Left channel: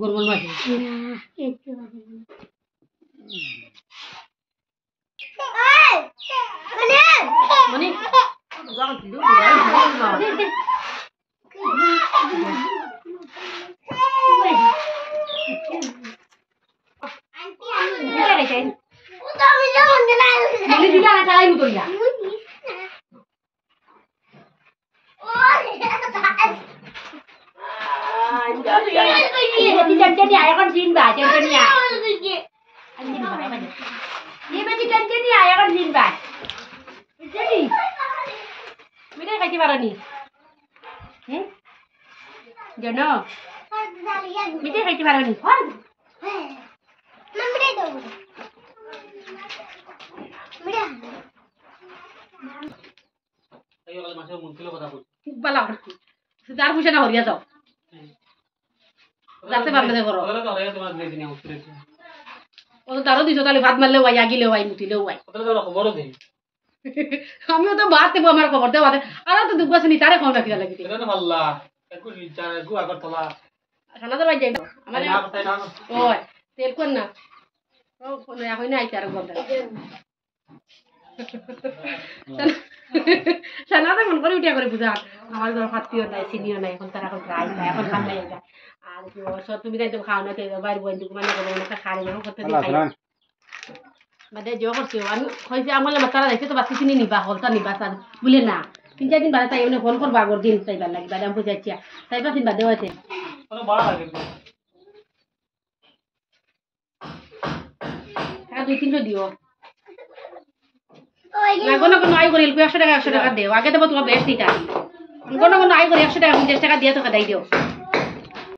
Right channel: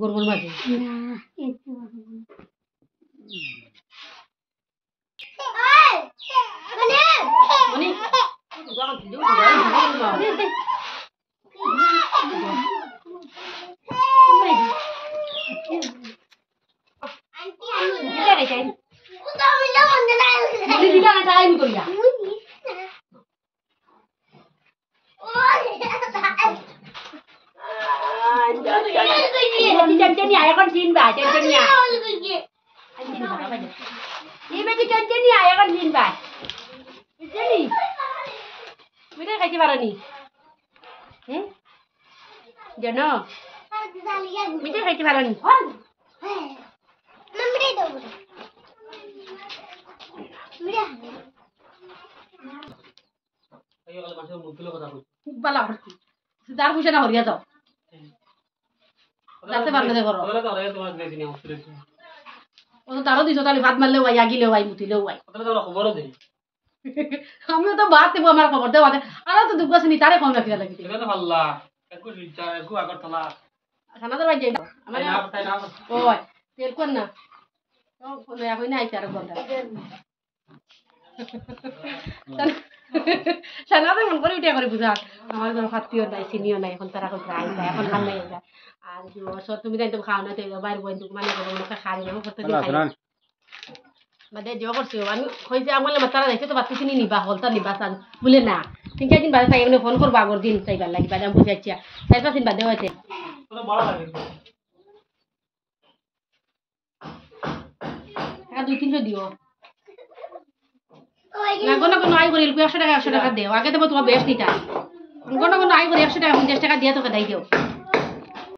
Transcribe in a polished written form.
গরমের মাঝে মানে জানো মিঠে খাইতে পারো নি তার পয়সা না হরিয়া যাও যাতে পারলে করো ও তো তারও দিছো তাহলে ভাত মারলেও ভাই আগিলেও ভাই মুটিলেও ভাই আমিও তো ভাত দেবো আমার খবর দেওয়া আর তো দুঃখ আছে নি তারে খাওয়া রাখি লাগে খানা তো ভাই যাইব আমার ওই তেল কোন না ও কোন এখন না আইতার বলটা সানাতে মন করে উঠিয়া করে বুঝা আমার ঘর ফাতিও নাই চিনিও নাই এখন তারা এখন খাও না এখন খাও নাই আর সব তুমি যাইতে খাও না তো বাইরে বন্ধু মানে না খারে না কত দিন বাদে যে করছি আমি হইছে আমার তারা যাইছে তো বাতি চিনি নিবা হলতা নিবা সান বলে না তিন চার দিন বাদে তাই এমনি ফোন করবা আগর দিন চাইবার লাগি বাদে আমি বুঝাচ্ছি 4-5 দিন বাদে হইছে কোনো বড় লাগে টাকা 2-300 দিও না কোনো কোনো আই করিল 100 টাকা দেও আগে দেবো তোমার বেশ দিতা কোনো কোনো আই করি 100 টাকা 50 টাকা দিয়ে তোকে দাই দিও